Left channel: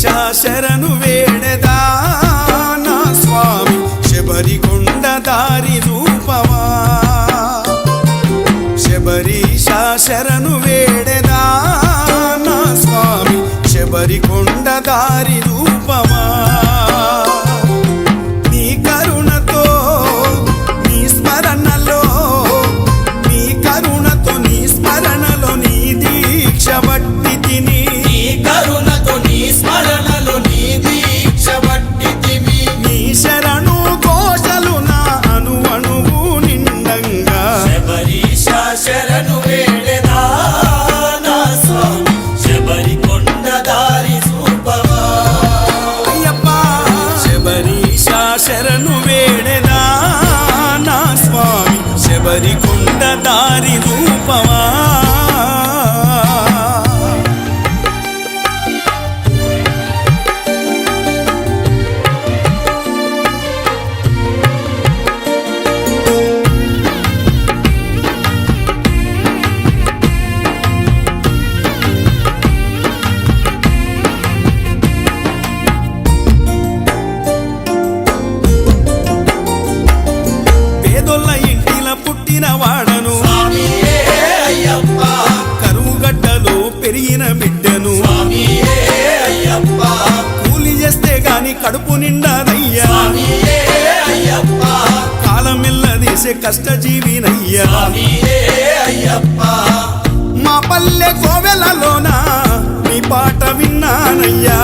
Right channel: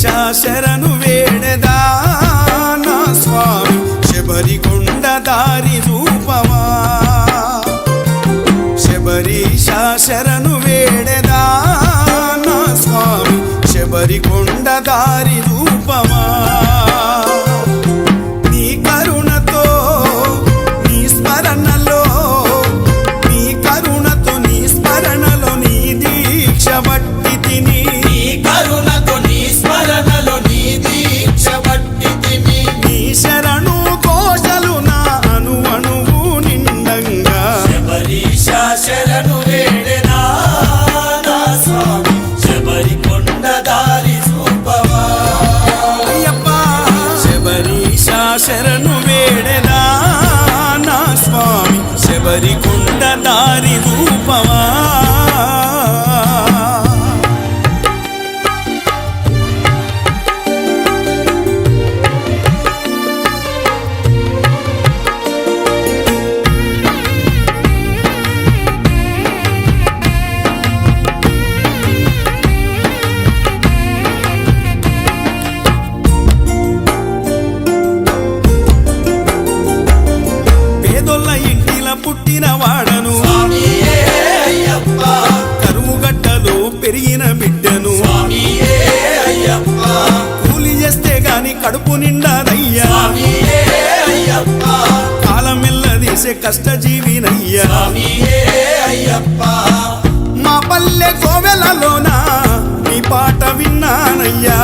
శరణు వేడెదా నా స్వామి శబరికొండ దారి రూపవా శబరీశ శరణు వేడెదా నా స్వామి శబరికొండ దారి రూపవా నీ కరుణతో నీ స్మరణలో నీ కరుణతో నీ స్మరణలో నీ దీక్ష బట్టి తిని కరుణతో నీ స్మరణలో నీ దీక్ష బట్టి తిని నీ శరణు కోశలు నా అణువు నిండంగా శబరీశ శరణు వేడెదా నా స్వామి శబరికొండ దారి చూపవా అయ్యప్ప శబరీశ శరణు వేడెదా నా స్వామి శబరికొండ దారి రూపవా పేదొల్ల ఇంటిల పుట్టిన వాడను స్వామియే అయ్యప్ప కరువు గడ్డలో పెరిగిన బిడ్డను స్వామియే అయ్యప్ప కూలి చేస్తే గాని కడుపు నిండాదయ్యా స్వామియే అయ్యప్ప కాలం ఎల్లదీసే కష్టజీవినయ్యా స్వామియే అయ్యప్ప మా పల్లె కోవెలలోన నీ పాట విన్నానయ్యా